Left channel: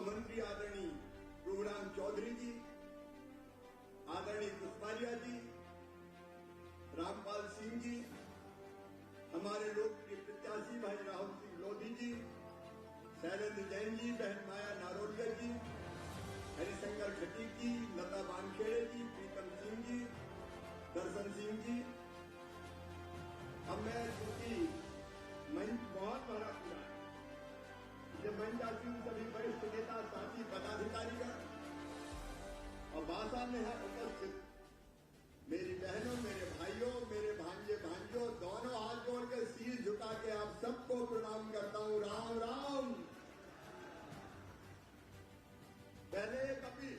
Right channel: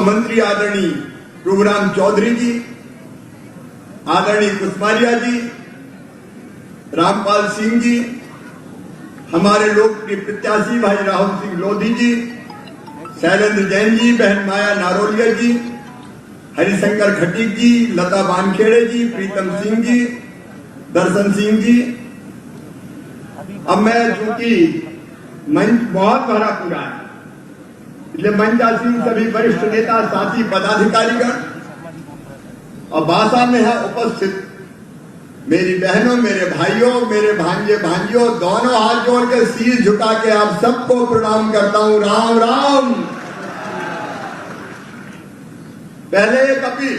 मंत्री आदरणीय प्रभुराम चौधरी जी, आदरणीय कुसमारिया जी, रामपाल सिंह जी, हमारे लोकप्रिय प्रत्याशी भाई राहुल सिंह लोधी जी, शैलेंद्र जैन जी, बहन माया नारोलिया जी, हरिशंकर खटीक जी, लता वानखेड़े जी, प्रीतम सिंह जी, दर्शन सिंह जी। अब मैं चूंकि मंच बहुत भरा पूरा है, इसलिए मंचासीन सभी वरिष्ठ नेता, साथी, पदाधिकारीगण और भाषा में है उपस्थित मेरी बहनों, मेरे भाइयों, मेरे भांजे भांजियों, दोनों हाथ जोड़ के शीश झुका के आप सबको प्रणाम करता हूं। राम राम। पहले एक अपील,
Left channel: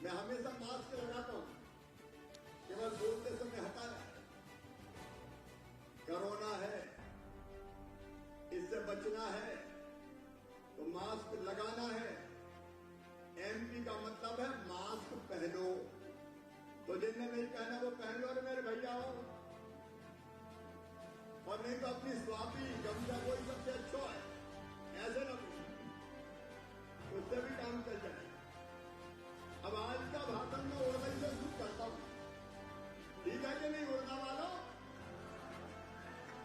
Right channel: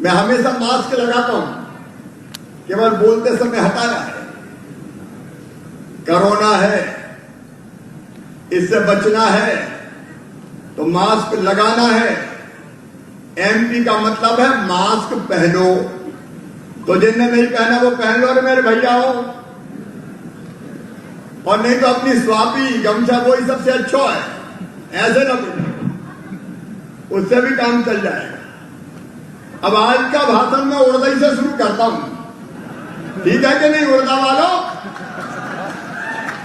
मैं हमेशा मास्क लगाता हूं, केवल बोलते समय हटाया है। कोरोना है, इससे बचना है तो मास्क लगाना है। एमपी का मतलब है मास्क पहनो, तो जिनने नहीं पहना वो पहन लो मेरे भैया हो, और नहीं तो अपनी स्वापी गमछा वही सबसे अच्छा है, ऐसे ना बोलो, उससे भी काम चल जाएगा। अब आज का भाषण मैं उर्दू से शुरू करता हूं, ठीक है कि नहीं उर्दा वालों?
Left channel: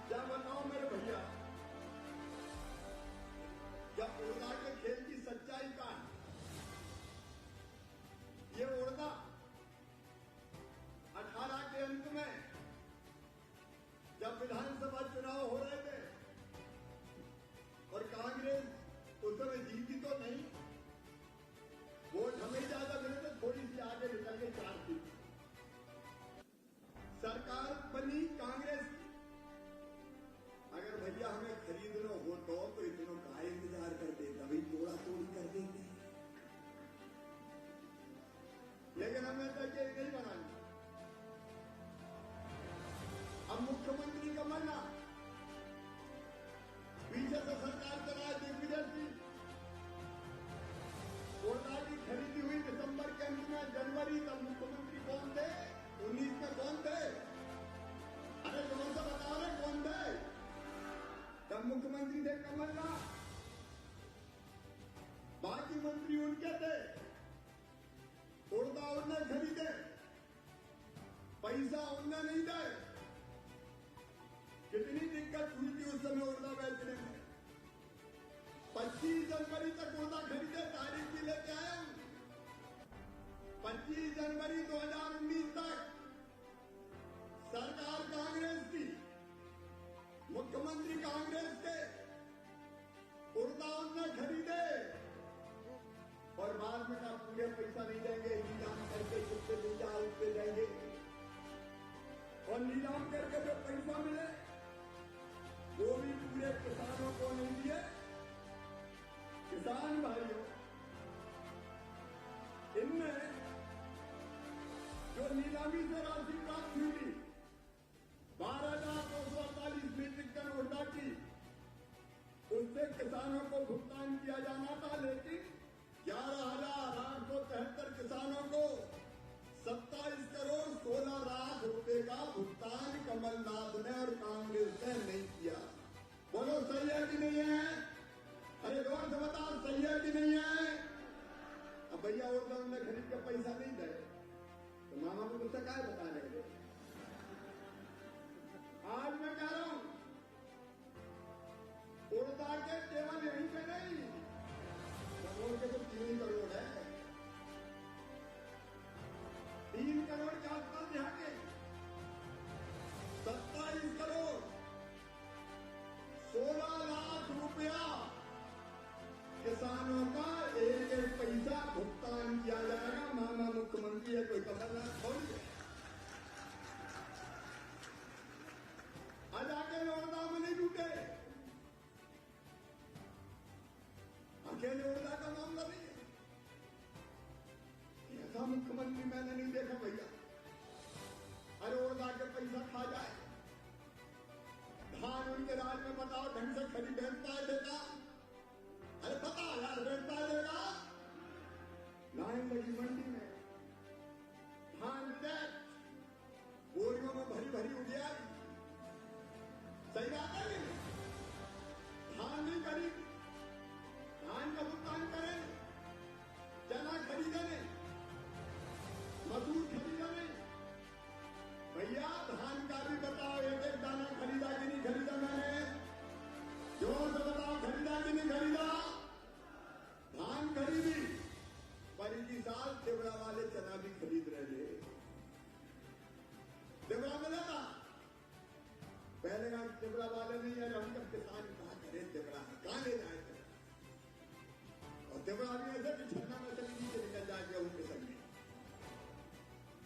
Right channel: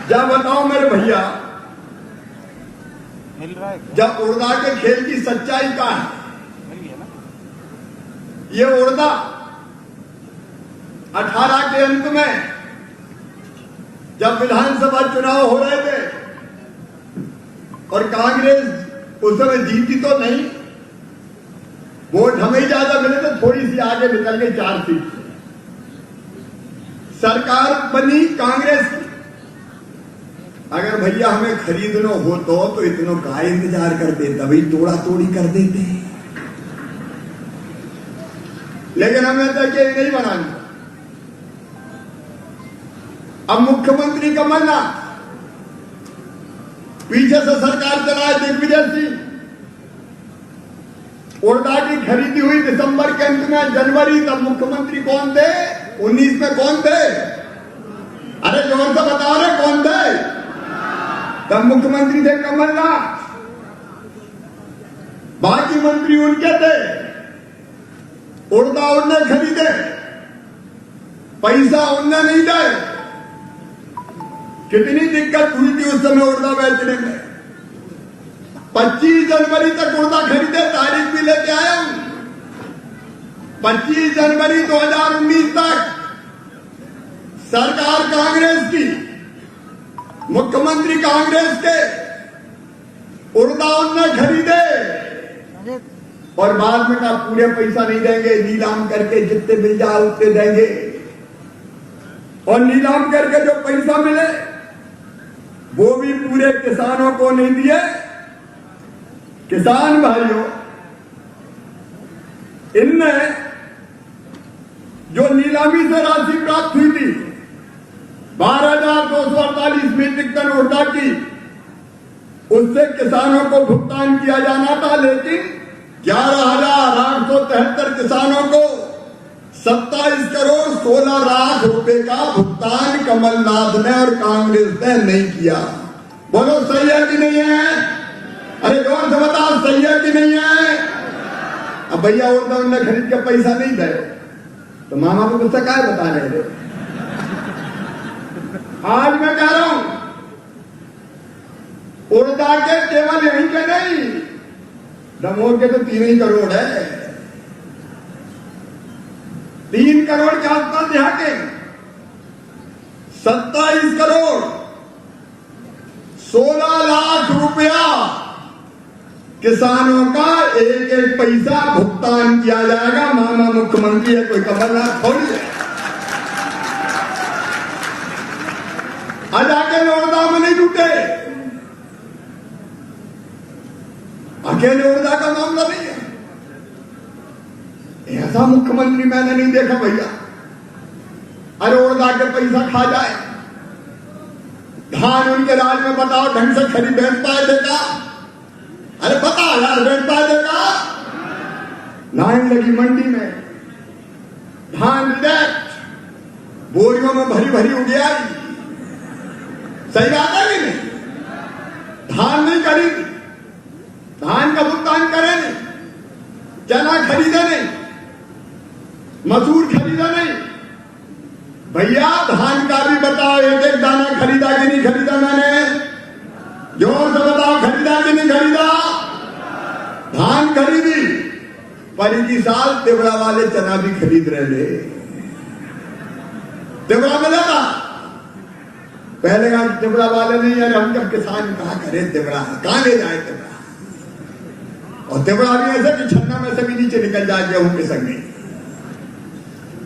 जब बताओ मेरे भैया, जब उर्दा के खेल की सच्चाई का है, ये उर्दा 18 के अंत में जब विधानसभा चुनाव हो रहे थे और कांग्रेस उस समय जीती तो नहीं, वोट हमें ज्यादा मिले थे, थोड़ी सी आगे निकल गई 4 सीट से। सरकार बनी कांग्रेस की। अगर भैया हमें खरीदना हो तो इतनों का इंतजार कर देता, भाई तोड़ा तोड़ी कर देते हैं, लेकिन हमें तो ये नहीं बनाना। अब मुख्यमंत्री कमलनाथ, पीछे से सरकार चलाए दिग्विजय सिंह, उर्दा की खरीदी हुई दिसंबर के अंत में, जनवरी, तब मुख्यमंत्री कौन थे? 19 में कौन थे? अरे जोर से बताओ रे, कौन थे? तब मुख्यमंत्री थे कमलनाथ, बाकी मंत्री उनके थे। उर्दा उनने खरीदे, पैसा उनने नहीं दे। कितनी दिक्कत हुई थी उस समय उर्दा बेचने में। 25 जनवरी तक उर्दा खरीदे, तारीख भी लेके आया हूं। 25 जनवरी 2019 तक सरकार कांग्रेस की, मुख्यमंत्री कांग्रेस के, उर्दा उनने खरीदे और बाद में कहा पूरे पैसा नहीं देंगे, नीलाम करके जितने मिल जाए उतने देंगे। और नीलाम करके जो पैसा मिले वो भी पूरे किसानों को नहीं दिए। किसान भाइयों, इनने जो नीलामी से राशि प्राप्त हुई थी 12,248 मीट्रिक टन उर्दा की, उससे किसानों को भुगतान किया जाना था, लेकिन 11,873 किसानों को 27 करोड़ 16 लाख रुपए का भुगतान कमलनाथ ने और कांग्रेस ने नहीं किया। बोलो सही है कि नहीं है? अरे जोर से बताओ, सही है कि नहीं है? अब भैया उर्दा उन्होंने खरीद के पैसा नहीं दे तो मामा को गुस्सा क्या बता रहे थे? आज मैं कह रहा हूं, उर्दा के केवल यहीं के नहीं, दमोह के तो 3 करोड़ है। 3 करोड़ के आसपास यहाँ के 27 करोड़ 16 लाख रुपया किसानों का एक एक पैसा भुगतान किया जाएगा। मामा मुख्यमंत्री है, कोई कमलनाथ थोड़ी है। आज अकेले उर्दा में नहीं जुटे, अकेले उर्दा का मामला नहीं है। ऐसा मुख्यमंत्री मैंने नहीं देखा भैया। अरे उर्दा के पैसा खा जाए, धान उनके राज में बताओ ढंग से खरीद बेच पाए देगा? अरे बता यार, बेच पाए देगा? लाइन लगी मंडी में, धान रिजेक्ट, बोरियों में भरी भरी उड़िया। सही बात है कि नहीं? धान नहीं खरीदी, धान का भुगतान करे नहीं, चना खरीदे नहीं, मसूर खरीदा नहीं। भैया धान का भी बताओ, एक एक दाना खरीदा कि नहीं खरीदा? मैंने जोर से बताओ, खरीदा कि नहीं खरीदा? धान खरीदी, पर इसी साल तिवड़ा वाले चना भी खरीद रहे थे। तिवड़ा मिला था पहले का, तिवड़ा वाले नहीं। यार हम जब किसान कहा करें तिवड़ा कहां ले जाए तिवड़ा, और तिवड़ा भी ऐसे कि छन्ना में से भी नीचे निकल जाए गेहूं के संग में।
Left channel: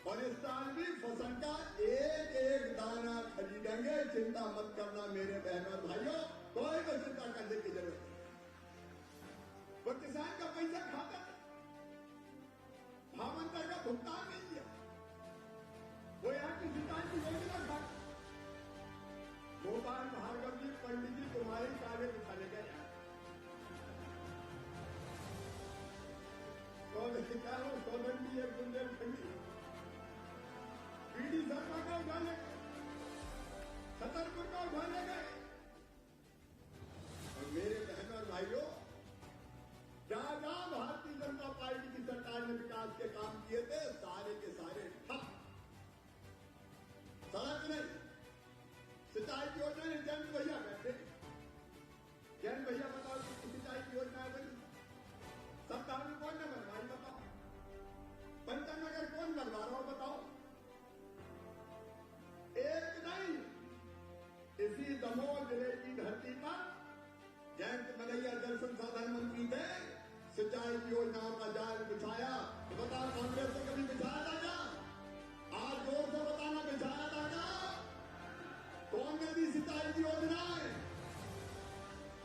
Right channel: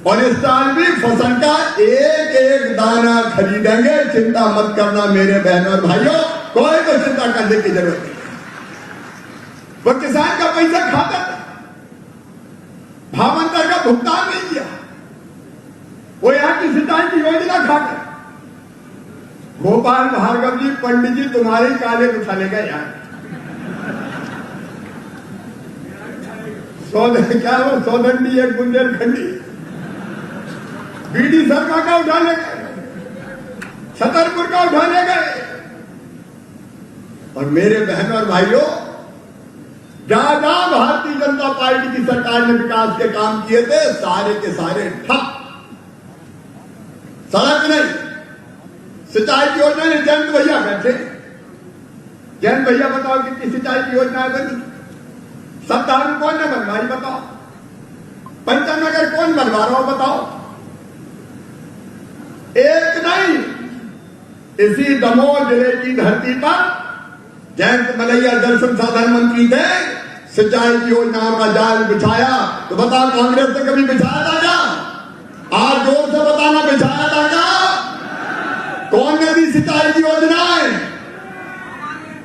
और इस साल भी फसल का एक एक दाना खरीदेंगे, चिंता मत करना मेरे बहनों और भाइयों, कोई को चिंता करने की जरूरत नहीं। वो किसान का पैसा खाता था, भावांतर का भुगतान नहीं किया, वो यहां की सिंचाई की योजना खाकर। गोपाल भार्गव जी, पंडित जी तुम्हारे काले उठा लेगा यार। क्या वो सौदंडी एक बुंदेलखंडी बीडी सरकार का उठाने गए, छतरपुर का उठाने गए। और मेरे बहनों और भाइयों, जहां जहां भारतीय जनता पार्टी की सरकार ने विकास के काम किए थे, सारे के सारे ठप। सड़क नहीं, सिंचाई की योजना ने जयंत भैया बैठे, जयंत भैया बताओ कितनी सिंचाई की योजना बनी? सत्तावन कौन ने बनवाई बताओ? पंचनगर कौन बनवा रहा हो बताओ? एक नहीं, इसी दमोह जिले की धरती पर जयंत मलैया जल संसाधन मंत्री थे, सिंचाई की योजनाओं का जाल बिछाया। तो बताओ कांग्रेस ने कभी बिछाया था क्या? आज जोर से बताना, बिछाया था क्या? कौन ने दी सिंचाई की योजनाएं?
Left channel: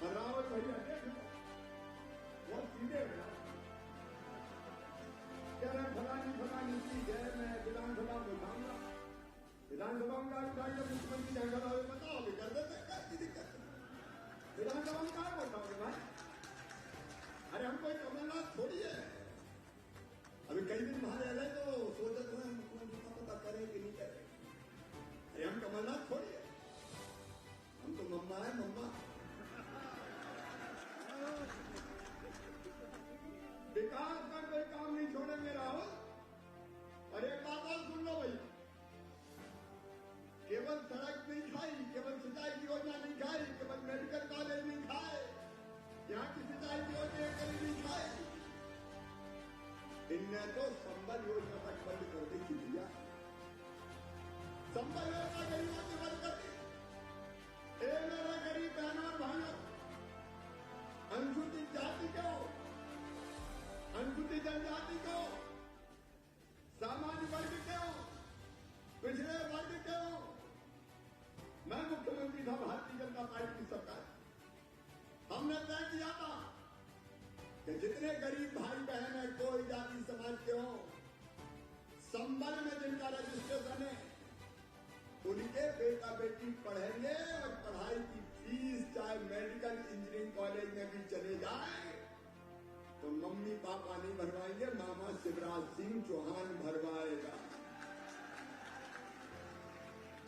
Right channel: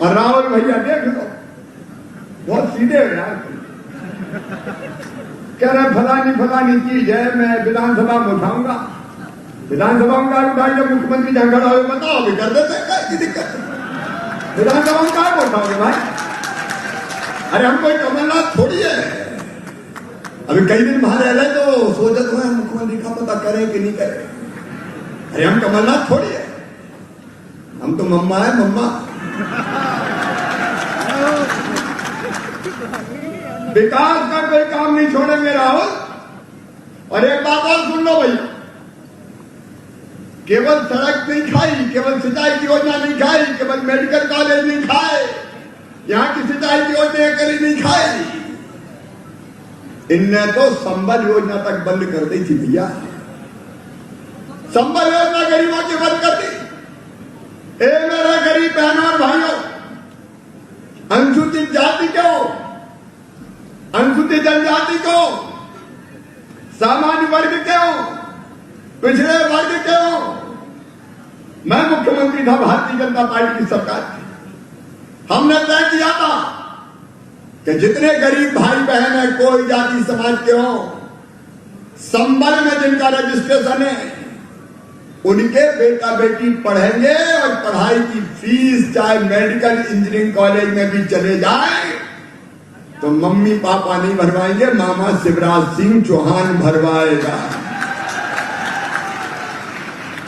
और राहुल भैया देख लो, बहुत सीधे हो यार, कह रहे फलानी चीज है, मैं विधानसभा में उठाऊंगा। विधानसभा में उठाई, जब मुख्यमंत्री जहां खड़ा हो बताओ भी कर देते, क्या दिक्कत है? विधानसभा में क्या उठाओगे भाई? अरे हम कोई कमलनाथ थोड़ी है। अभी कई दिन बाहर रह रहे तो सोचते हुए मुख्यमंत्री का पता करें कि नहीं करें। अरे हम कमलनाथ थोड़ी है, हम तो मम्मा है, मम्मा। विकास का कोई काम नहीं छोड़ेंगे राहुल। और एक बात और सुन लो भैया, केवल सड़क नहीं खाई, केवल सिंचाई की योजना नहीं खाई, केवल मेडिकल कॉलेज नहीं खाए, यहां की सिंचाई की योजना करी नहीं खाई, इनने तो संबल योजना तक बंद कर दी थी भैया। संबल योजना गरीबों की बंद कर दी। मेरे गरीब बहनों और भाइयों, अनुसूचित जाति को, अनुसूचित जनजाति को, सामान्य वर्ग को, पिछड़े वर्ग को, मैं मुख्यमंत्री था भारतीय जनता पार्टी की सरकार थी। हमने तय किया था कि जितने गरीब भाई बहन है, कोई जाति समाज के हो, संबल में जिनका रजिस्ट्रेशन है, उनके बेटा बेटी पढ़ेंगे और पढ़ाई की फीस चाहे मेडिकल इंजीनियरिंग कॉलेज में भी चले जाए तो मम्मी पापा नहीं भरवाएंगे, मामा शिवराज सिंह चौहान भरवाएगा।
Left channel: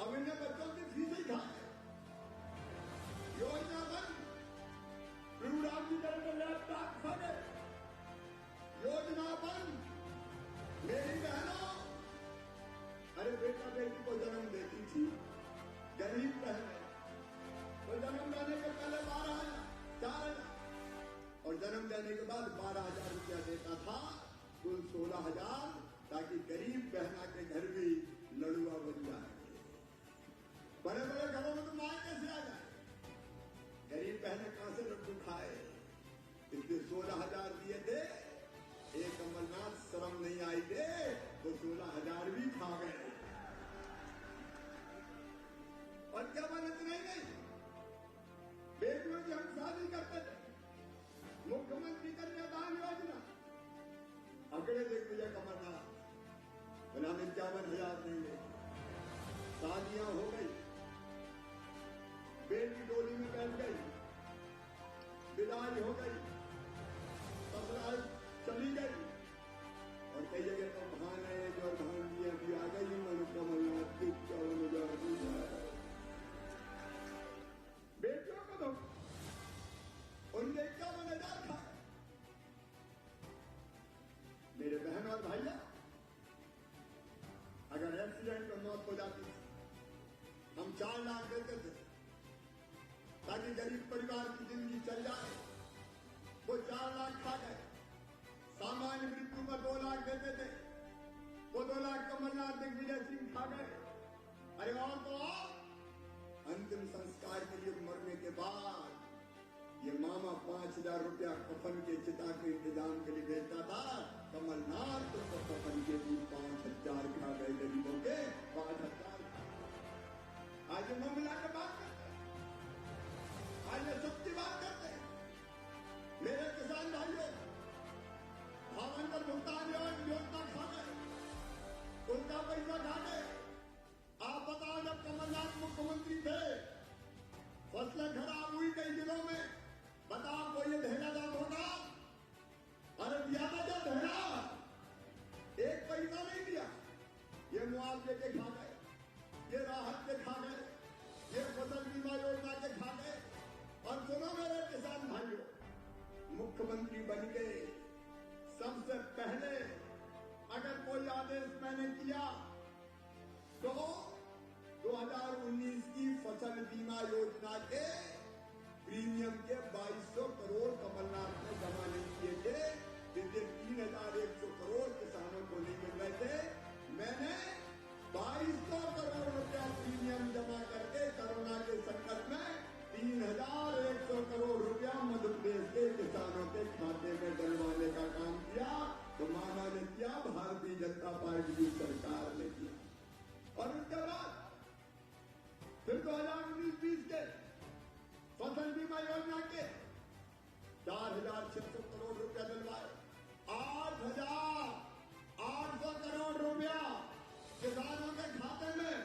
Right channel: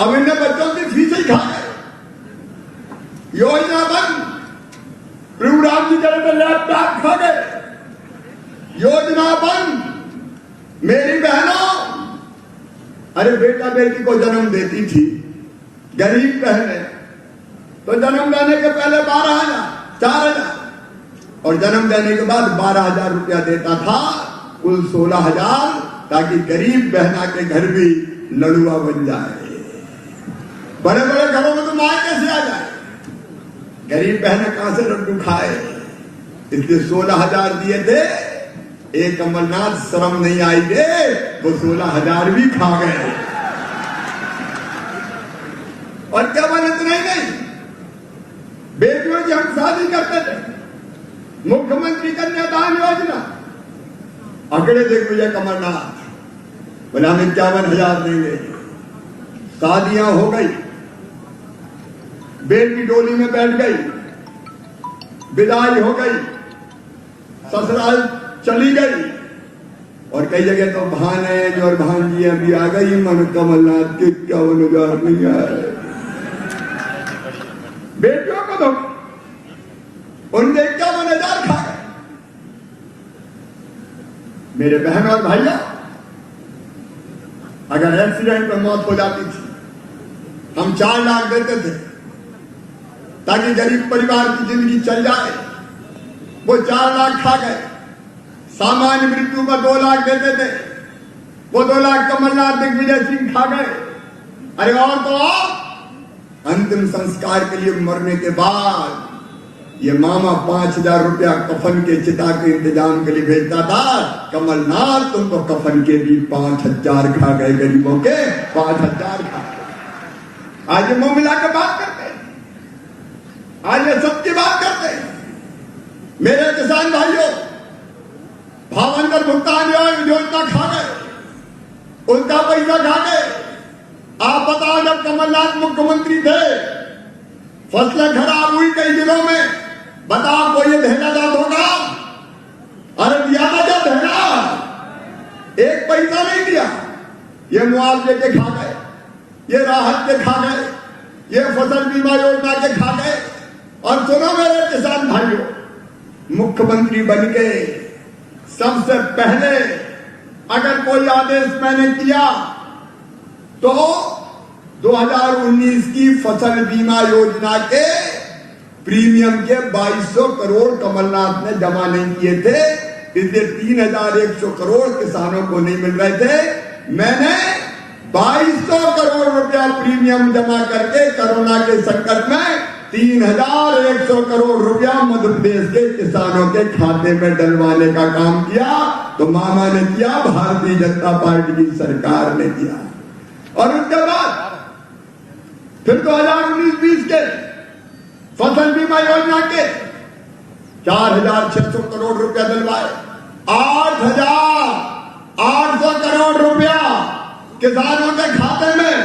अब इनने बच्चों की फीस ही खा गए, योजना बंद। प्रभुराम जी कह रहे लैपटॉप खा गए, योजना बंद। मेरी बहनों, अरे बेटा बेटी को जन्म देती थी गरीब बहने, तो जन्म देने के पहले 12,000, 4,000 और जन्म देने के बाद 12,000 रुपया देता था, कुल 16,000, ताकि गरीब बहना के घर भी लड़ुआ बन जाए। बड़े बड़े घरों में तो मां कैसे आ जाए, गरीब बहनें कहां से लड्डू खाए, इसलिए 16,000 दिए थे। एक कमलनाथ शर्म नहीं आई दे, वो 16,000 भी खा गए। और क्या बन इतना ही नहीं, बेटियों की हम शादी करते थे, मुख्यमंत्री कन्यादान योजना, आंकड़े देख भैया कमलनाथ, बोले हम 51,000 देंगे। शादियां हो गई, बेटी डोली में बैठ गई, विदाई हो गई, ससुराल चली गई, और कई जगह तो भाने और भांजियां भी आ गई। मन कमलनाथ के 51,000 नहीं आए। बेटियों को दो, उनके 51,000 खा गए। मेरे बहन और भाइयों, अगर एक्सीडेंट में मौत हो जाती थी, हम 4 लाख देते थे ताकि गरीब परिवार की जिंदगी चल जाए। वो 4 लाख खा गए। सामान्य मृत्यु पर 2 लाख देते थे, वो 2 लाख कमलनाथ दिग्विजय सिंह खा गए। अरे और तो और अंतिम संस्कार के लिए मरने के बाद ये मामा 5,000 रुपया कफन के चिता के इंतजाम के लिए भेजता था। कमलनाथ तुमको कफन के भी 5,000 खा गए, गरीबों के 5,000 खा गए। आज ये मुंह मिला के बात करते हैं, आज ये सत्य बात करते हैं। मेरे किसान भाइयों, भावांतर भुगतान योजना खा गए, उनका पैसा खा गए। आप बताओ, जब कमलनाथ मुख्यमंत्री थे, फसलें खराब हुई कई जिलों में, बताओ कोई ये देना दाद होगा? अरे दिया था क्या देना? एक पैसा नहीं दिया। ये मुआवजे के खा गए, ये राहत के खा गए, ये फसल बीमा योजना के खा गए। और सुनो मेरे किसान भाइयों, मुख्यमंत्री बन के सबसे पहले अगर कोई आदेश मैंने किया तो 2019 की फसल बीमा योजना के प्रीमियम के 2200 करोड़ कमलनाथ ने जमा नहीं किए थे, इसलिए 3,100 करोड़ किसानों को नहीं मिल रहे थे। मैंने 2200 करोड़ रुपया प्रीमियम जमा करके कोरोना के संकट में 3,100 करोड़ रुपया मध्य प्रदेश के किसानों के खाते में डलवाने का काम किया। तो मामा ने किया, भारतीय जनता पार्टी की सरकार ने किया। और उसके बाद फिर 2019-20 के फसल बीमा योजना के 4,600 करोड़ रुपया दिलवाए। 8,800 करोड़ रुपया किसानों के खाते में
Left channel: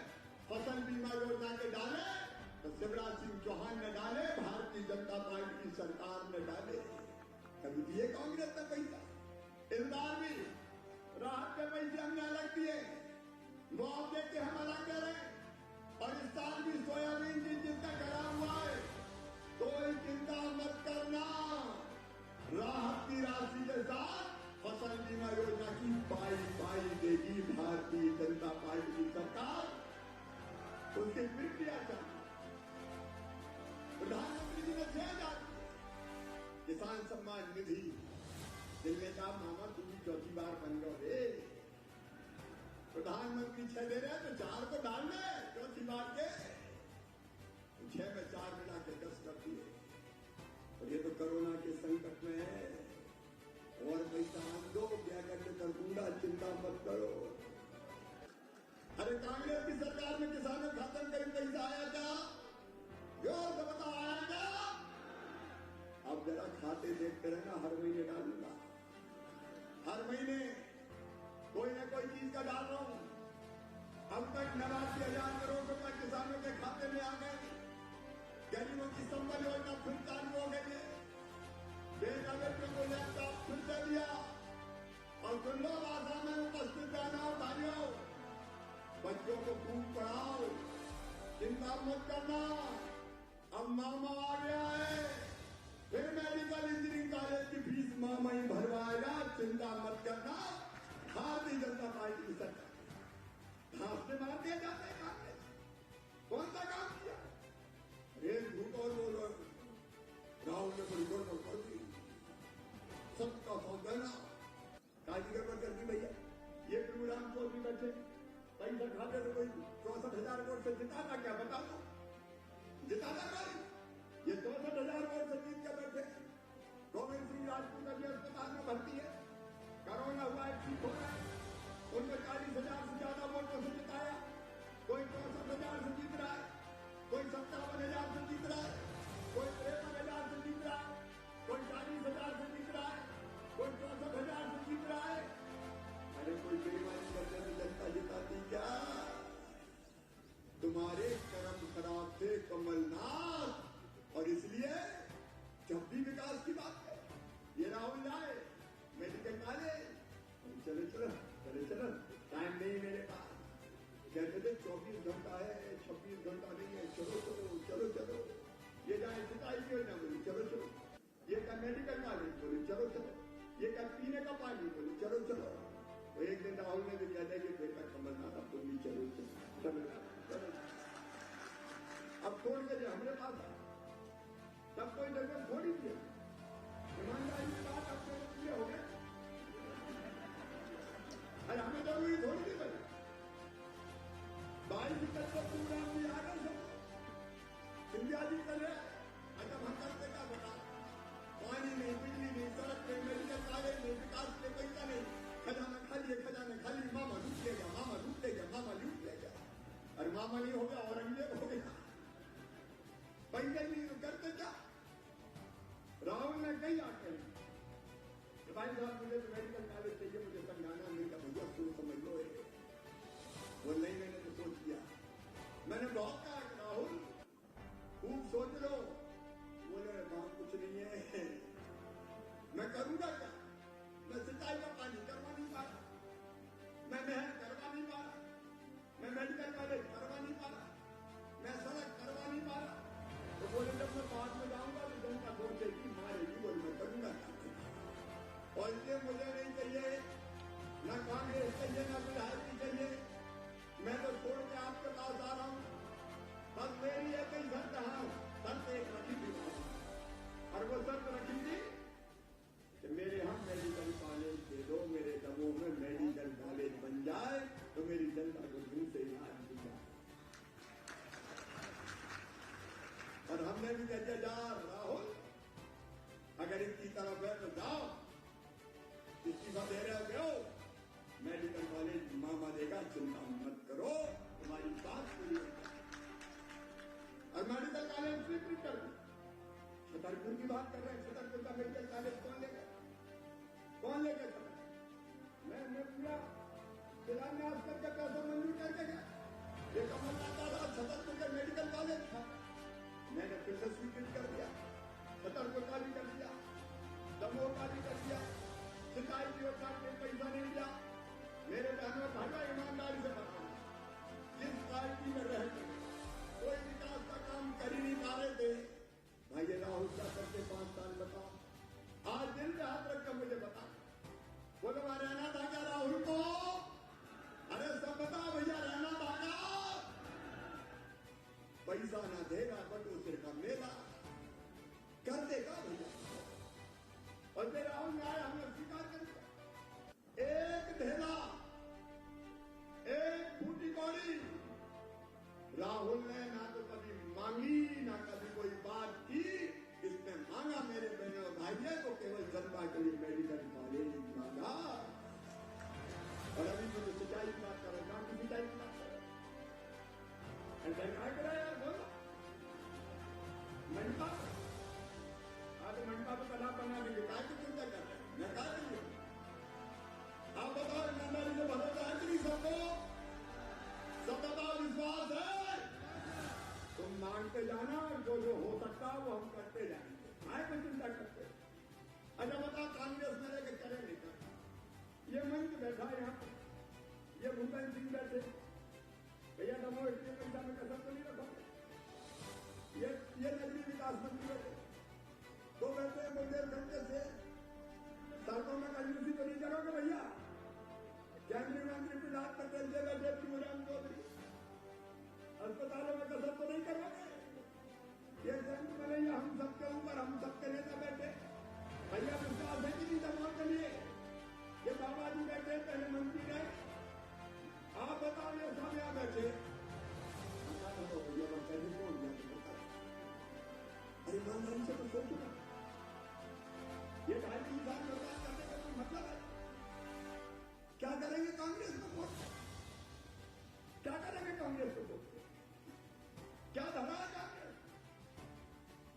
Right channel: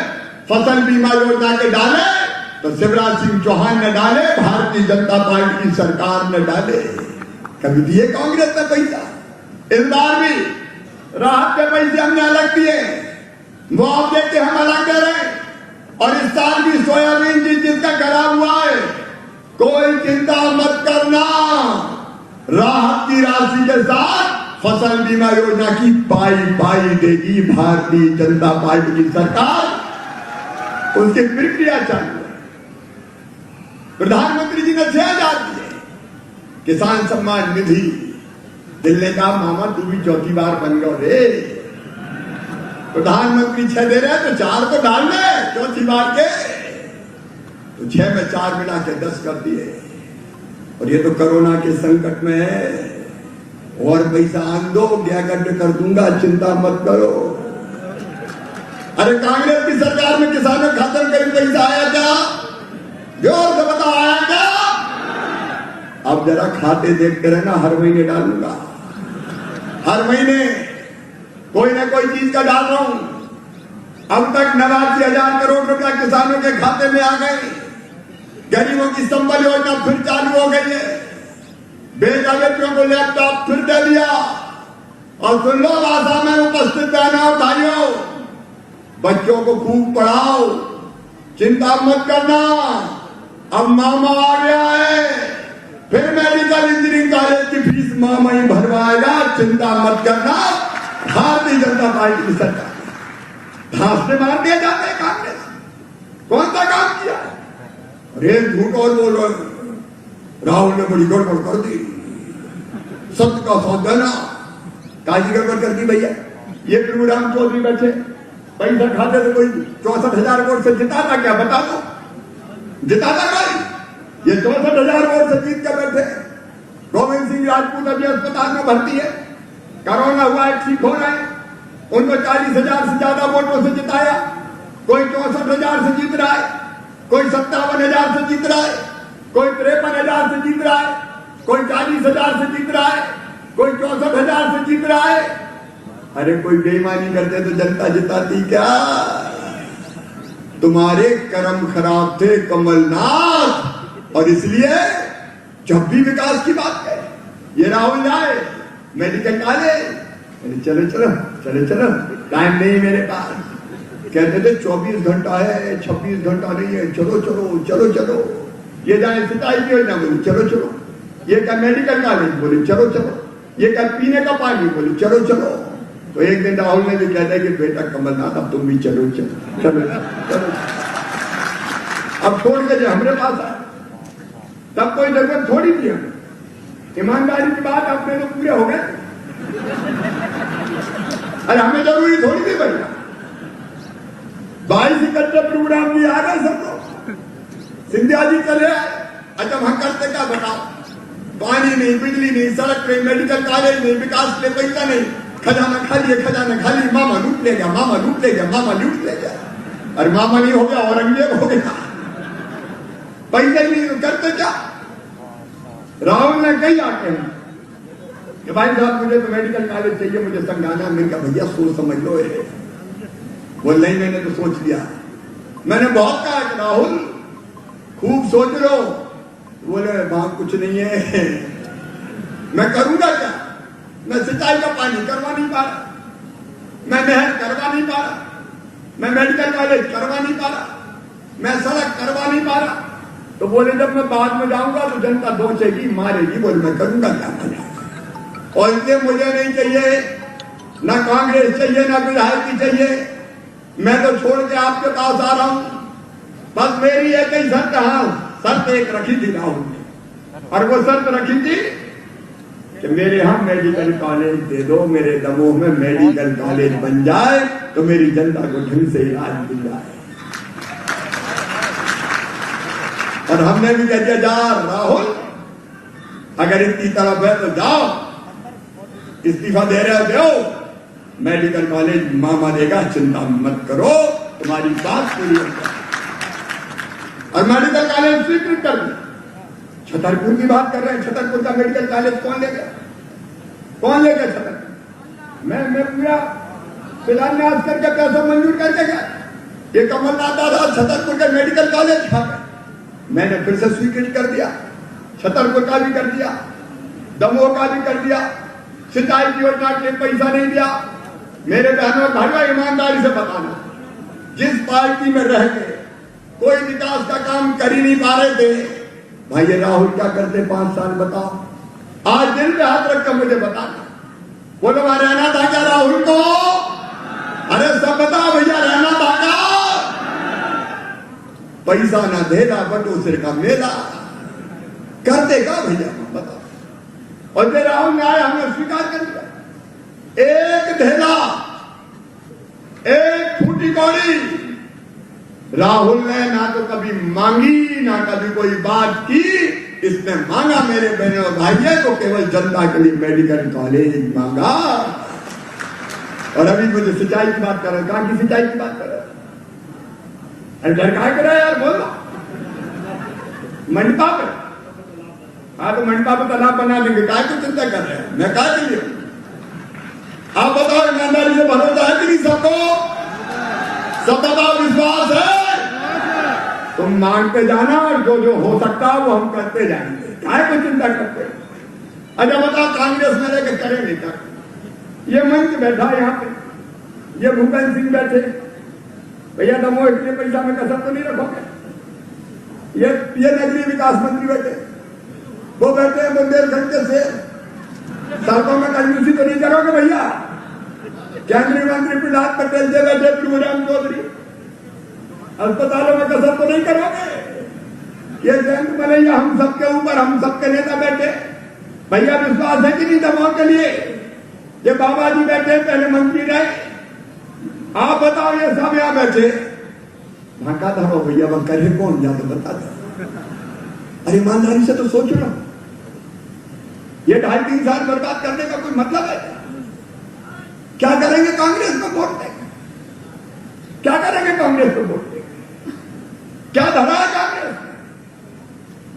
फसल बीमा योजना के डाले तो शिवराज सिंह चौहान ने डाले, भारतीय जनता पार्टी की सरकार ने डाले। कभी दिए कांग्रेस ने पैसा? इस बार भी राहत के पैसे हमने अलग दिए, मुआवजे के हम अलग दे रहे। और इस साल भी सोयाबीन जिसका खराब हुआ है, कोई चिंता मत करना, राहत की राशि के साथ फसल बीमा योजना की पाई देगी भारतीय जनता पार्टी की सरकार। उसकी प्रक्रिया चालू है। प्रधानमंत्री जी ने 6,000 दिए किसान सम्मान निधि। दिल ने कहा, मामा तू भी चौथी बार बन गया रे, प्रधानमंत्री 6 दे रहे तो 4 तो डाल दे चौथी बार के। तो 6 में 4 मिला के 10 कर दिए। और ये तो कोरोना के संकट में है, और पैसा आन दो, गड्ढे कर दूंगा, चिंता मत करो। अरे कांग्रेस की सरकार में किसानों के खाते में कहीं पैसा आया क्या? जोर से बताओ, आया क्या? अब जरा खाते देखते रहना, हर महीने डालूंगा, हर महीने कोई ना कोई चीज का डाल रहा हूं। अब तक 89,000 करोड़ रुपया किसानों के खाते में आ गए। गरीबों की संबल योजना फिर चालू हो गई है। बेटा बेटियों को लैपटॉप फिर दे दिया। और सुन लो, भाषा में उपस्थित बहनों भाइयों, बच्चों को खूब पढ़ाओ, चिंता मत करना। अब मामा आ गया है, फिर मेडिकल इंजीनियरिंग कॉलेज की फीस मामा ही भरवाएगा, चिंता मत करना। भारतीय जनता पार्टी की सरकार घास से मार दिया जाता है कांग्रेस। कौन सा काम किया? अरे झूठ और बोलो, राहुल ने बड़ी गड़बड़ कर दी, सत्य का साथ देना। काजी गड़बड़ कर दी भैया। ये प्रभुराम चौधरी बैठे, पैसा खाते थे, कोई 64,000 वोट से जिताता क्या? बता दो, जिताता कोई? ये 64,000 वोट से जीत कर बैठे। गोविंद सिंह राजपूत अभी अस्पताल में भर्ती है, कोरोना हुआ है, ठीक हो रहे हैं। उनको 40,000 से ज्यादा वोटों से जिताया। कोई 64,000 से जीत रहा है, कोई 57,000 से जीत रहा है, कोई 53,000 से जीत रहा है, कोई 40,000 से जीत रहा है, कोई 64,000 से जीत रहा है। अरे कोई बेईमानी करते तो जनता जिताती क्या? तुम्हारे कर्म खराब थे कमलनाथ, और इसलिए जब भी विकास की बात है, ये राहुल जाए मेडिकल कॉलेज, चलो चलो चलो चलो, टाइम नहीं मेरे पास। कहते थे 24 घंटा है, 26 घंटा नहीं है, चलो चलो चलो चलो। ये जाए सिंचाई की योजना, बोले चलो चलो। ये क्या मेडिकल कॉलेज, बोले चलो चलो। ये क्या पीने का पानी? बोले चलो चलो। तो एक दिन राहुल ने भी कहता है कि बेटा कमलनाथ अब तुम भी चलो चलो चलो चलो, अब छोड़ के जो हमारे पास आए, तब कोई जरूरत थोड़ी थी हमें। ईमानदारी की बात अपने तो पूरे हो गए। अरे हमें जरूरी थोड़ी थी भैया। 22 प्रोग्राम भी आ गए सब लोग, सिंधिया जी चले आए। अच्छा वहां करते क्या बताओ? पानी नहीं, बिजली नहीं, सड़क नहीं, मेडिकल कॉलेज नहीं, विकास के पैसा नहीं, खजाना खाली, खजाना खाली। मामा लूट ले गया, मामा लूट ले गया, मामा लूट ले गया। अरे मामा नहीं हो गया, औरंगजेब हो गया। पैसा ही नहीं तो करते क्या? राहुल ने कही आके कि भाई साहब मुझे तो मेडिकल कॉलेज चाहिए, मुझे समझाना। मैंने कहा भैया सोच समझ लो। बोल नहीं मैंने तो सोच लिया। मैंने बहुत कहा कि राहुल खूब सोच लो। बोले वहां कुछ नहीं है। मैं करूंगा क्या? मैं सिंचाई का पानी करवा नहीं पा रहा, मैं नहर करवा नहीं पा रहा, मैं मेडिकल कॉलेज करवा नहीं पा रहा, मैं सड़क करवा नहीं पा रहा। तो बोले जब मैं बाद में जाऊंगा तो जनता दोचेगी, मारेगी। बोले मैं करूंगा क्या? और इसलिए मुझे नहीं चाहिए ना कांग्रेस चाहिए ना विधायक चाहिए। मैं तो छोड़ के आपके पास आ रहा हूं। बस मेरी एक ही शर्त, हाँ शर्त एक रखी थी राहुल ने, और वो शर्त रखी थी कि मेरे यहाँ मेडिकल कॉलेज दे दो, मेरे दमोह में मेडिकल कॉलेज बन जाए तो मेरी जनता को ढंग से इलाज मिल जाए। और हमने भी कह दिया जा राहुल अगर इतनी तरफ है तो जाओ, इस्तीफा दे रहे हो दो, मेडिकल कॉलेज मामा देगा, चिंता मत करो, तुम्हारी बात पूरी हो जाए। और मेडिकल कॉलेज स्वीकृत कर दिया। छतरपुर की बात कर रहे हैं, छतरपुर का मेडिकल कॉलेज कौन ले गया? कौन ले गया छतरपुर? मैं पूरा शिलान्यास करके पैसा मंजूर करके गया। ये कमलनाथ दादा छतरपुर का मेडिकल कॉलेज खा गए। मैंने फिर से स्वीकृत कर दिया, छतरपुर का भी कर दिया, दमोह का भी कर दिया। सिंचाई की योजना के पैसा नहीं दिया। मेरे बहनों भाइयों ईमानदारी से बताना, जिस पार्टी में रह के कोई विकास का काम कर ही नहीं पा रहे थे, भाई ये राहुल क्या करते 5 साल? बताओ। आज दिल पे हाथ रखकर मुझे बताना। बोलो वहां रहना था क्या राहुल को? अरे सब बताओ भैया, रहना था क्या? पैसा ना देना बटो सिर का मेला, करते क्या भैया बताओ? और फिर राहुल ने आया, हमने स्वीकार कर दिया। एक ढेला, एक फूटी कौड़ी राहुल ने ना तो कभी मांगी ना कभी कोई बात की। इसने मांगा मेरे बहनों और भाइयों को केवल जनता के लिए मेडिकल कॉलेज मांगा। और अभी मुझे सिंचाई की बात कर रहे हैं। कहां की सिंचाई की बात कर रहे हैं? अरे डर क्या कर रहा है यार, बोलो। मंडपा पे, हाँ तो मंडपा पे तालाब बना देंगे, काय को चिंता कर रहे हैं? मैं काय के लिए? आप बताओ ईमानदारी से भरोसा है कि नहीं सबको? सब बताओ विश्वास है? तुम मांगते जाना और जो जो हो सकता है वो हम करते जाएंगे, काय को चिंता करते? अच्छा बताओ कांग्रेस में लेकर करें नहीं कर? ये मंच बैठा यहाँ पे, ये भूपेंद्र सिंह बैठे, भैया दमोह इतने पैसा में कसर तो नहीं रखोगे? ये नगरीय विकास मंत्री बैठे, वो बैठे हैं बुंदेलखंड के से, सड़कों में कंजूसी तो नहीं करोगे भैया? केंद्रीय मंत्री प्रहलाद पटेल से बैठे, प्रभुराम चौधरी, अस्पतालों में कसर तो नहीं करोगे? ये जयंत मलैया, हम सबके ऊपर हम सबके नेता बैठे, भैया विश्वास है कि नहीं दमोह के लिए? ये बाबा जी बैठे, पहले मंत्री रहे, आप बताओ ये सब यहां बैठे, भाका धरो भैया, वह करे कौन? या तो बता दो। अरे ईमानदारी से तो सोच लो, ये 2.5-3 साल बर्बाद करने का कोई मतलब है? क्या करेंगे कांग्रेस को वोट देंगे? क्या करेंगे कांग्रेस को वोट देंगे? क्या धरा है कांग्रेस?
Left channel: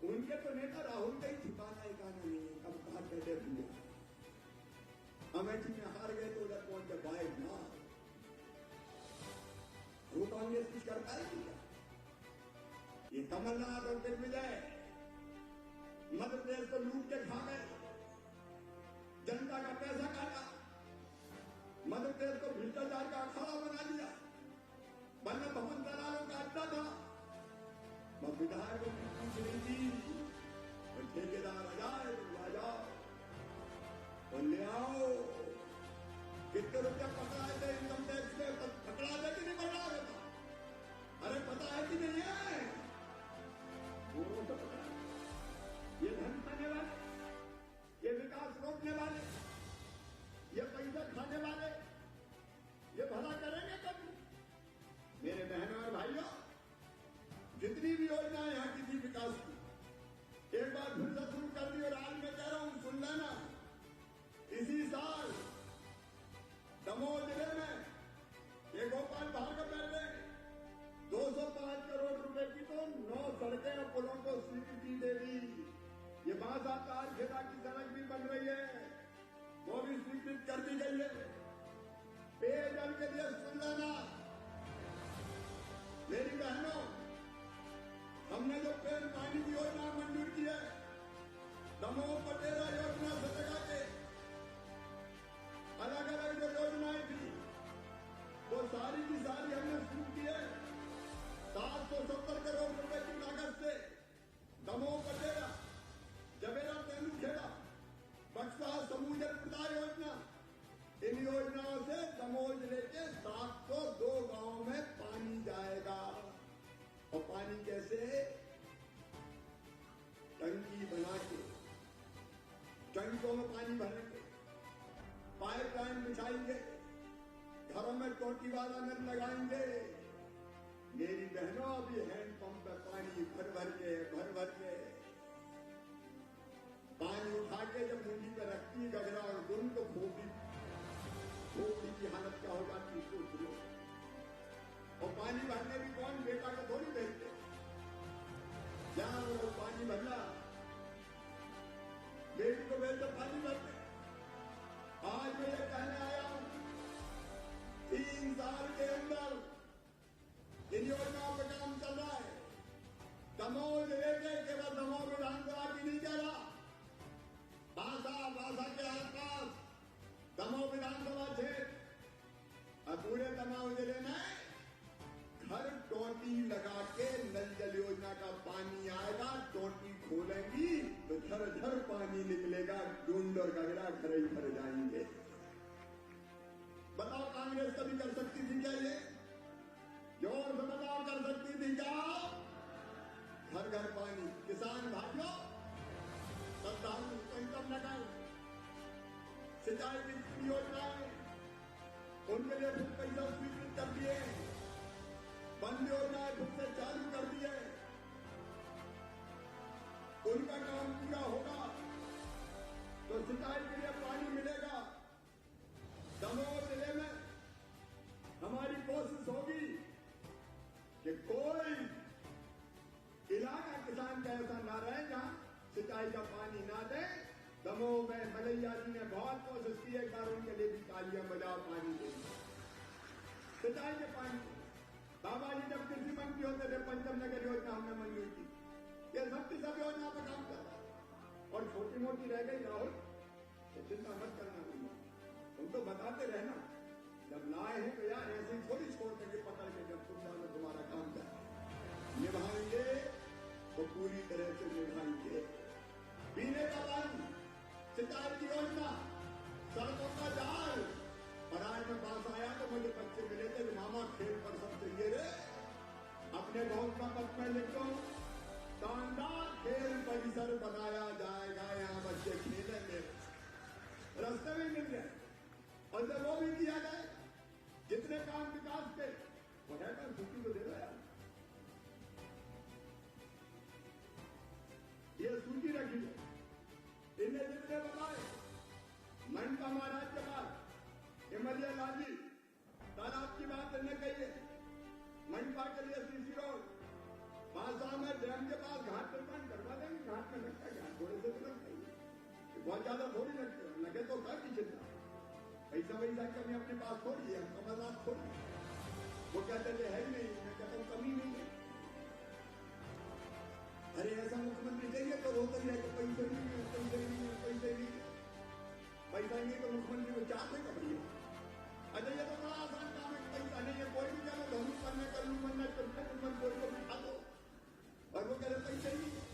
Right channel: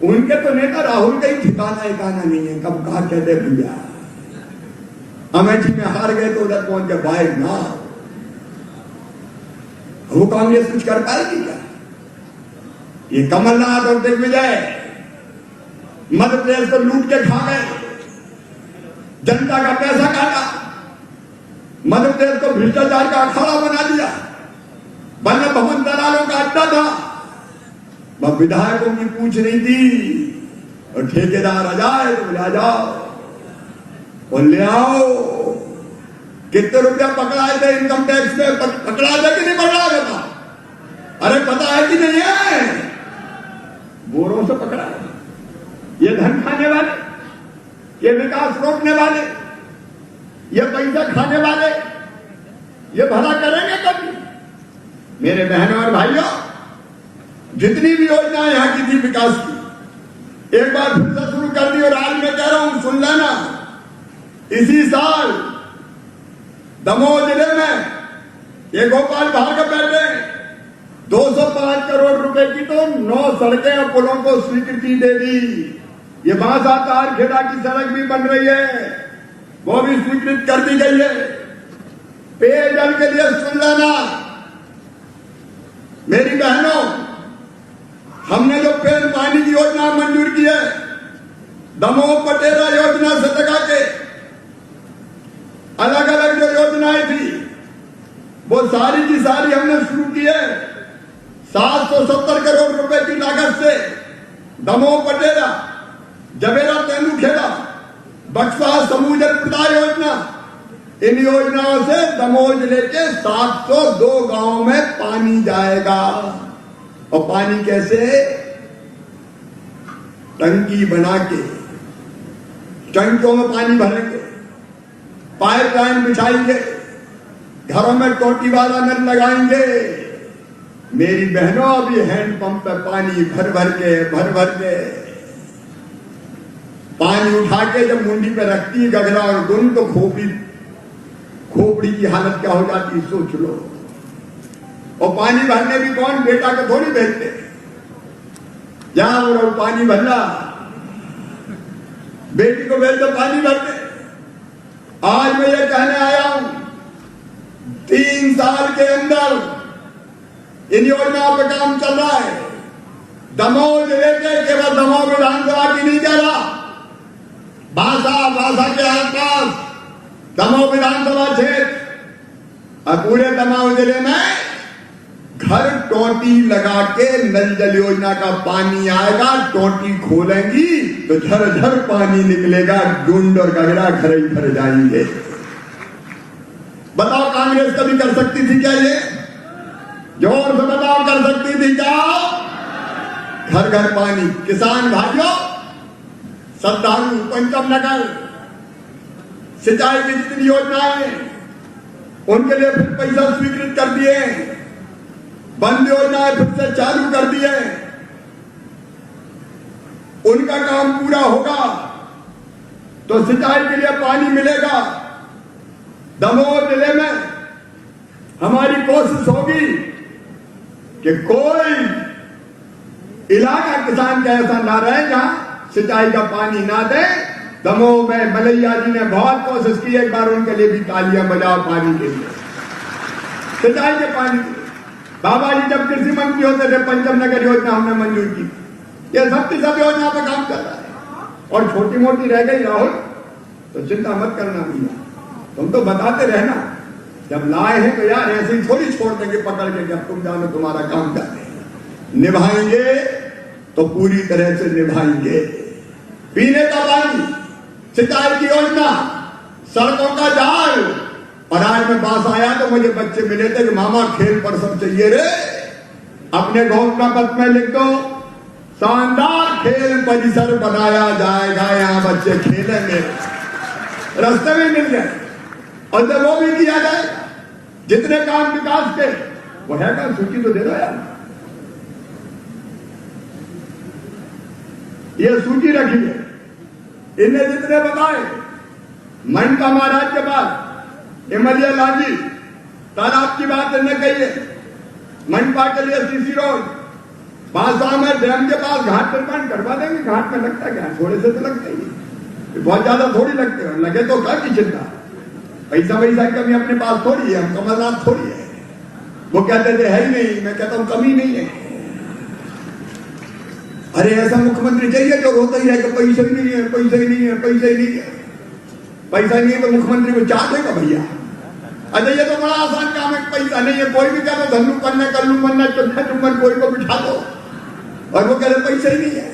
उनके तो नेता राहुल का ही ठिकाना एकाना नहीं है। कब कहा कहते भैया अमेठी में हार गए तो उधर पहुंच गए, बाय ना वो कांग्रेस कुछ कर पाएगी क्या? ये कमलनाथ और दिग्विजय मध्य प्रदेश को लूट के खा गए, जनता का पैसा काटा, मध्य प्रदेश को भ्रष्टाचार का अखाड़ा बना दिया, वल्लभ भवन दलालों का अड्डा था, वह विधायकों की पूछ नहीं थी, और ठेकेदार आ जाए तो आ जाओ। और ले आओ। कितने रुपया पकड़ाए थे इनकम टैक्स में? पकड़ा था कि नहीं पकड़ा था? अरे पता है कि नहीं है? गोरों से पकड़ा है। ये धन खाने वाले, ये विकास रोकने वाले, ये पैसा खाने वाले, ये भला करेंगे कभी? मेरे बहनों और भाइयों, जितनी भी योजनाएं यहां की थी विकास की, एक बार फिर से शुरू कर दी। और आज मैं कह रहा हूं, सुन लेना, इसी साल दमोह जिले में ये गोपाल भार्गव बैठे 205 करोड़ रुपए की तो 9 सड़कें और पुलों को स्वीकृति दे दी। ये बांसा तारखेड़ा की सड़क भी बन रही है, वो भी स्वीकृत कर दी गई है। पेयजल के लिए सुन लेना मेरी बहनों, हमने जो पेड़ पानी की योजना मंजूर की है, दमोह पटेरा योजना से लगा के अलग अलग जो योजनाएं थी वो सारी की सारी हमने शुरू की है। 770 करोड़ रुपए की लागत से दमोह पटेरा, जबेरा तेंदुखेड़ा, बक्सवा समूह जल प्रदाय योजना, इन योजनाओं से दमोह जिले के 702 गांवों में पानी जाएगा। और पानी कैसे? टंकी बना के टंकियों में पानी भरेंगे, पाइपलाइन बिछाएंगे, घरों में टोटी वाला नल लगाएंगे। मेरी बहनों, अभी हैंडपंप पे पानी भर भर के पानी उठा के जब मुंडी पे रखती है गगरा और गुन, तो खोपड़ी की हालत क्या हो जाती, सोच लो। और पानी भरने भी कौन? बेटा को थोड़ी भेजते, जहां वो पानी भरना, बेटी को भेज दो पानी भरते। आज मैं ये कहने आया हूं, 3 साल के अंदर इन योजनाओं पर काम चल रहा है। दमोह जिले के केवल दमोह विधानसभा की नहीं कह रहा, बांसा के आसपास दमोह विधानसभा क्षेत्र और पूरे दमोह जिले में घर टोटी लगा के नल जल योजना का पानी आएगा। टोटी खोलेंगी तो झरझर पानी निकलेगा, डूंड और गगरा घर ही भर जाएंगे। बताओ, कांग्रेस कभी कर सकती थी क्या ये? जोर से बताओ, कर सकती थी क्या? घर घर पानी। किसान भाइयों, श्रद्धालु, पंचम नगर सिंचाई की जितनी योजनाएं, उनके लिए फिर पैसा स्वीकृत कर दिए, बंद योजनाएं फिर से चालू कर दिए। उनका काम पूरा होगा तो सिंचाई के लिए पानी मिलेगा। दमोह जिले में हमारी कोशिश होगी कि कोई इलाका किसान का ऐसा ना रहे जहां सिंचाई का पानी ना दे। दमोह में मलैया जी ने बहुत कोशिश की, एक बार उनके लिए भी तालियां बजाओ पानी के लिए, सिंचाई के पानी। बाबा जी जब कृषि मंत्री होते थे, पंचम नगर योजना हमने मंजूर की। ये सब की सब योजना पर काम कर रहा है। और छोटी मोटी रह गई राहुल तो चिंता मत करना भैया, तुम तो बताते रहना। जब लाए हैं तो यार ऐसे ही थोड़ी छोड़ देंगे पकड़ के, जब तुम जानो तुम्हारा काम करते हैं। निभाएंगे तो पूरी तरह से निभाएंगे। पीने का पानी, सिंचाई की योजना, सड़कों का जाल। और आज मैं पास आया तो मुझे बच्चे मिले थे कि मामा खेल पर सब चाहिए रे। अपने घोषणा पत्र में लिख दो, शानदार खेल परिसर बनाया जाएगा, यहां बच्चे खेलेंगे। रास्ते में मिल गए। और जब वो भी किया जाएगा, जितने काम विकास के वो है का सूची तो दे दो यार। ये सूची रखी है, इन्हें जितने बताए। मनपा महाराज के पास इमलिया लांजी तालाब की बात इन्हें कही है। मनपा के लिए सीसी रोड, बांसा में डैम के पास घाट निर्माण करवा देंगे। घाट में लगता क्या, थोड़े से तो लगता ही, बहुत ज्यादा थोड़ी लगते हैं। लगे तो क्या की चिंता, पैसा वैसा की कमी अपने पास थोड़ी है, हम कमलनाथ थोड़ी है। वो कहते थे है ही नहीं, मैं कहता हूं कमी नहीं है। अरे ऐसा मुख्यमंत्री चाहिए जो रोता ही है कि पैसा ही नहीं है, पैसा ही नहीं है, पैसा ही नहीं है। पैसा नहीं है तो मुख्यमंत्री को चाह देगा भैया। अच्छा ये तो बड़ा आसान काम है, पैसा नहीं है। कोई भी कहता धन्नू पन्ना, कल्लू पन्ना, चुम्बन चुम्बन कोई को बिठा दो और वो कहते पैसा ही नहीं है।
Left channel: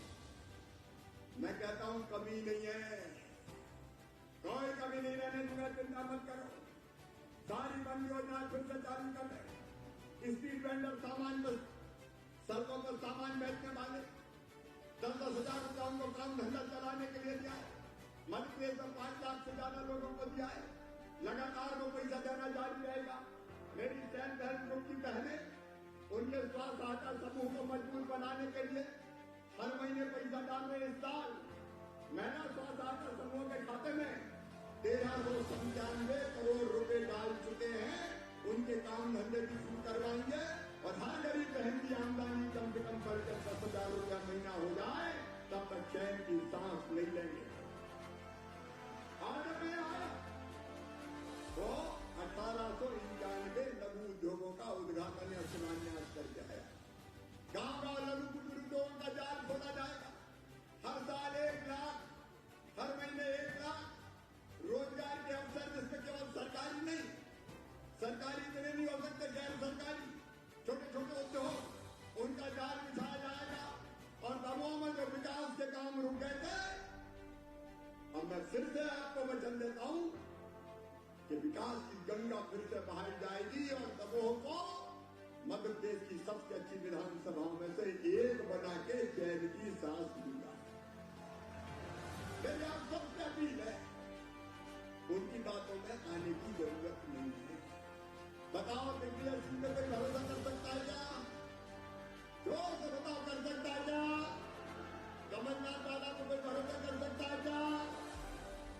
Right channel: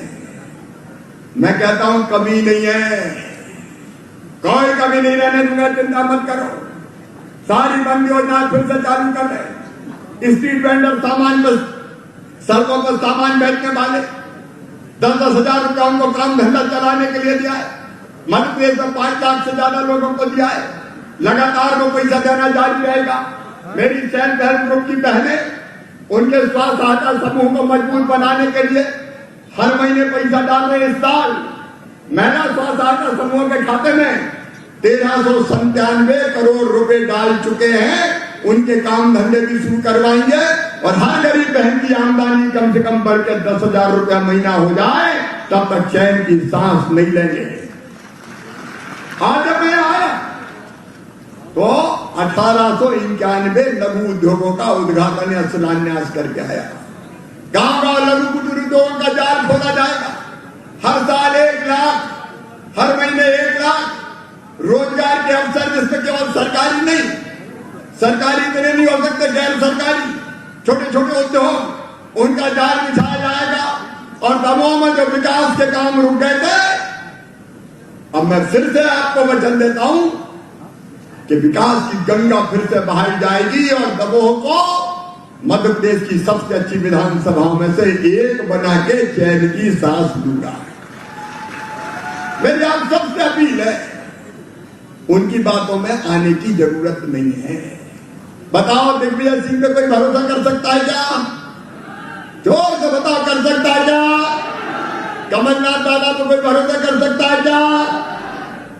मैं कहता हूं कमी नहीं है, कोई कमी नहीं रहने दूंगा, चिंता मत करो। सारी बंद योजना फिर से चालू कर रहे। स्ट्रीट वेंडर सामान बस सड़कों पर सामान बेचने वाले 10-10 हजार रुपया उनको काम धंधा चलाने के लिए दिया है। मध्य प्रदेश में 5 लाख से ज्यादा लोगों को दिया है। लगातार वो पैसा देना जारी रहेगा। मेरी सेल्फ हेल्प ग्रुप की बहनें उनके स्वास्थ्य सहायता समूह को मजबूत बनाने के लिए हर महीने पैसा डाल रहे। इस साल महिला स्वास्थ्य सहायता समूह के खाते में 1397 करोड़ रुपए डाल चुके हैं। उनके काम धंधे भी शुरू करवाएंगे और हर गरीब बहन की आमदनी कम से कम बढ़ के 10,000 रुपया महीना हो जाए, तब तक चैन की सांस नहीं लेंगे। आज जब मैं आया तो 1891 लघु उद्योगों का उद्घाटन या शिलान्यास करके आया। गांव-गांव लघु कुटीर उद्योगों का जाल खोला जाएगा। हर साल 1 लाख, हर महीने 1 लाख रोजगार के अवसर, जिसमें केवल सरकारी नहीं, सरकारी इतने नहीं हो सकते, गैर सरकारी छोटे छोटे उद्योग, उनका जाल बिछाया जाएगा। और दमोह में जो विकास के काम रुक गए थे, अब मैं फिर से आपको वचन देता हूं कि विकास की गंगा फिर से बहाई जाएगी और दमोह को मध्य प्रदेश की सबसे अच्छी विधानसभाओं में से एक बना के चैन की सांस लूंगा। मेरी आप सबसे अपील है, उनकी बातों में आने की जरूरत नहीं है। बताओ, दिग्विजय सिंह पे कोई भरोसा कर सकता है क्या? जोर से बताओ, कर सकता है क्या? कमलनाथ दादा पे कोई भरोसा कर सकता है क्या?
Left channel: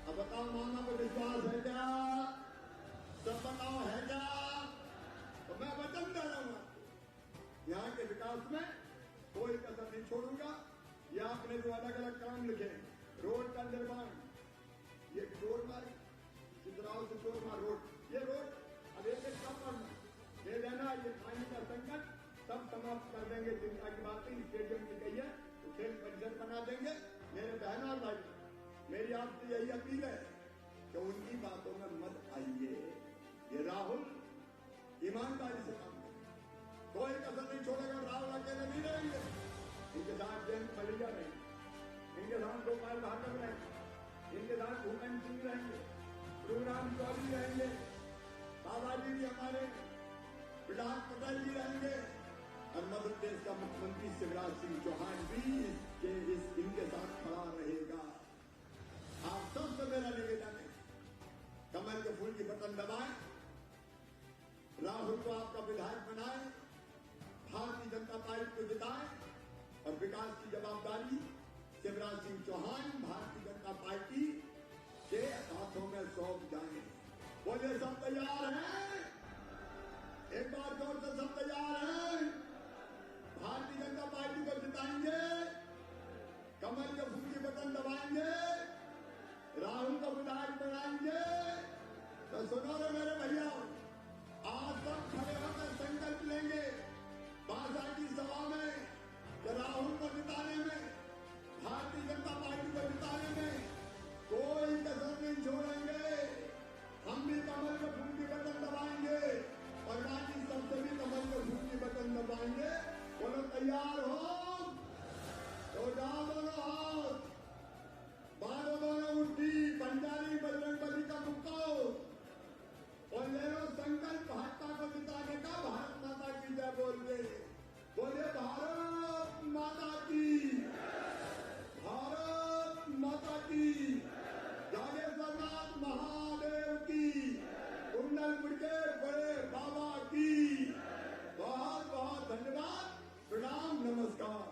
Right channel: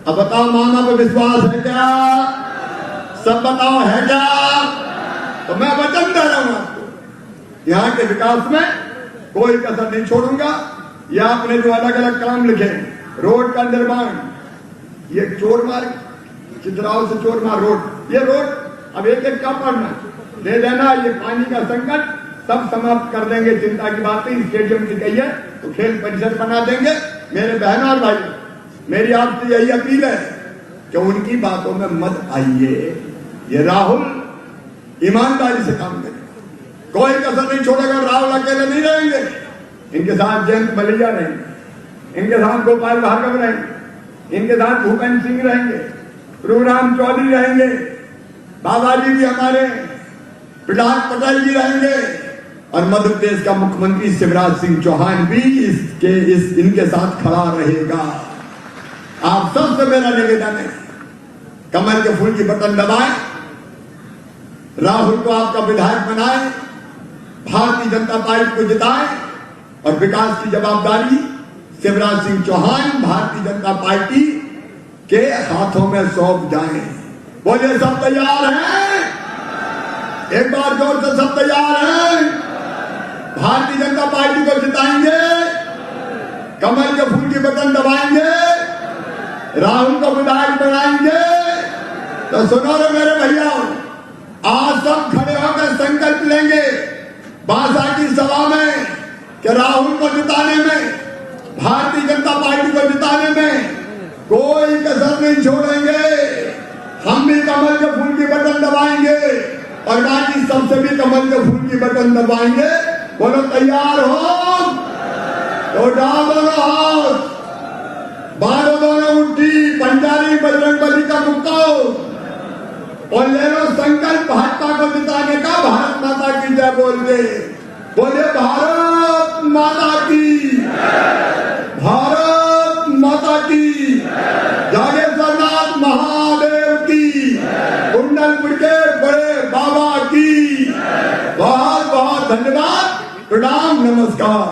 अब बताओ, मामा पे विश्वास है क्या? सब बताओ, है क्या? तो मैं वचन दे रहा हूं आपको, यहाँ के विकास में कोई कसर नहीं छोड़ूंगा। ये आपने जो अलग अलग काम लिखे, रोड का निर्माण, ये चोर मार्ग, चित्राओं से चोर मार रोड, ये रोड अब एक एक का पढ़ना ले लेना। ये पानी का संकट सब समाप्त कर देंगे, चिंता की बात नहीं। स्टेडियम की कही है तो खेल परिसर बना देंगे। मेरे बहनों और भाई, मेरी आपसे यही अपील है कि उनकी बातों में मत आइए। ये राहुल ईमानदारी से काम करेगा, कोई कसर नहीं छोड़ेगा। राहुल अकेले नहीं रहेंगे, इनके साथ जयंत मलैया रहेंगे, इनके साथ गोपाल भार्गव रहेंगे, इनके साथ भूपेंद्र सिंह रहेंगे, प्रभुराम चौधरी रहेंगे, बाबाजी भी हमारे, प्रहलाद पटेल जी रहेंगे और मध्य प्रदेश का मुख्यमंत्री शिवराज सिंह चौहान भी इनके साथ खड़ा रहेगा। आप सबसे मेरा निवेदन है, कमल के फूल की बटन दबाएं, राहुल को आपका विधायक बनाएं, भारतीय जनता पार्टी को जिताएं और विकास की जवाबदारी शिवराज सिंह चौहान भारतीय जनता पार्टी के हाथों में सौंप जाएं। बोलिए, सब तैयार हैं? एक बार जोर से सब तैयार हैं? भारतीय जनता पार्टी को जिताएंगे, कमल के फूल की बटन दबाएंगे, राहुल को विधायक बनाएंगे। तो सुनो रे मेरे भैया, आज सब खड़े होकर संकल्प लेंगे बांसा की सभा में कि राहुल को जिताने में, भारतीय जनता पार्टी को जिताने में कोई कसर नहीं छोड़ेंगे। हम भी कमल के फूल की बटन दबाएंगे और बाकी सबसे भी कमल के फूल की बटन दबाएंगे। बोलो, तैयार हो तो डाल दो हाथ, बारो दोनों मुट्ठी, पंजाबी बजरंगबली का मुक्का और ले लो संकल्प भाजपा को जिताने का। भारत माता की जय बोल के बोले, भारत माता की, भारत माता की, जागेश्वरनाथ महादेव की, कुंडलपुर के बड़े बाबा की। बहुत बहुत धन्यवाद, प्रणाम, नमस्कार।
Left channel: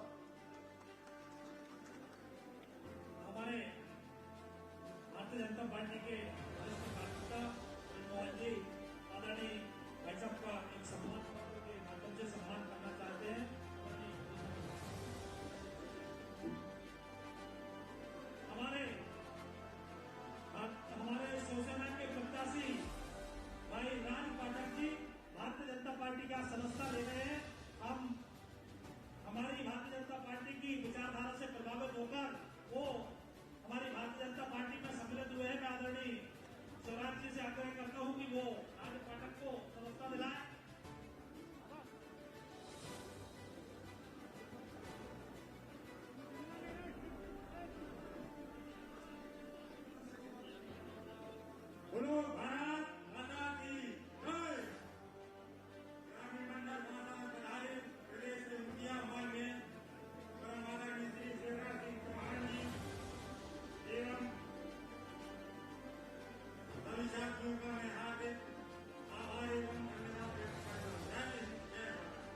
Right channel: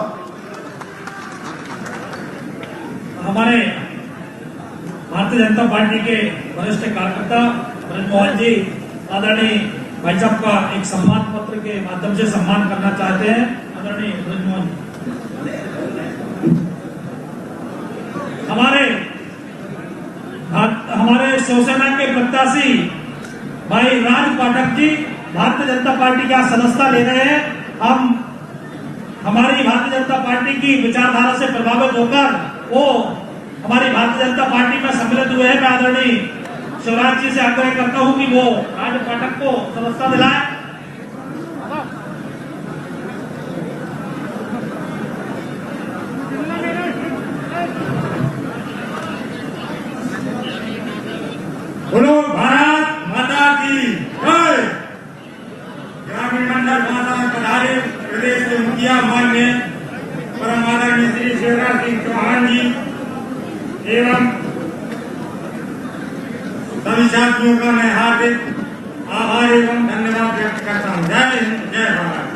हमारे भारतीय जनता पार्टी के वरिष्ठ कार्यकर्ता ब्रजमोहन जी आदरणीय भाई साहब का एक सम्मान पत्र के माध्यम से सम्मान करना चाहते हैं। आदरणीय ब्रजमोहन, हमारे शिवसेना के प्रत्याशी भाई राज पाठक जी भारतीय जनता पार्टी का सदस्यता ले रहे हैं। हम हमारी भारतीय जनता पार्टी की विचारधारा से प्रभावित होकर वो हमारी भारतीय जनता पार्टी में सम्मिलित हुए हैं। मैं आदरणीय शिवराज जी से आग्रह करता हूं कि वो राज पाठक को सदस्यता दिलाएं। ग्रामीण मंडल भाषा में पधारे प्रदेश के मुखिया मान्य परम आदरणीय श्री शिवराज सिंह चौहान जी एवं सभी साथियों का मैं हार्दिक आभार एवं धन्यवाद व्यक्त करता हूँ। जय हिंद, जय भारत।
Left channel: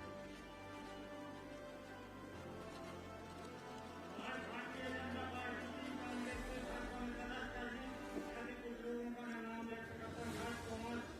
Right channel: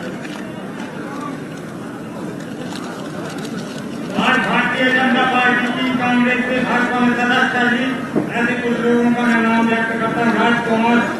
आज भारतीय जनता पार्टी की कांग्रेस से भाजपा में सदस्यता ली ऐसे कुछ लोगों का मैं नाम व्यक्त करता हूँ। राजकुमार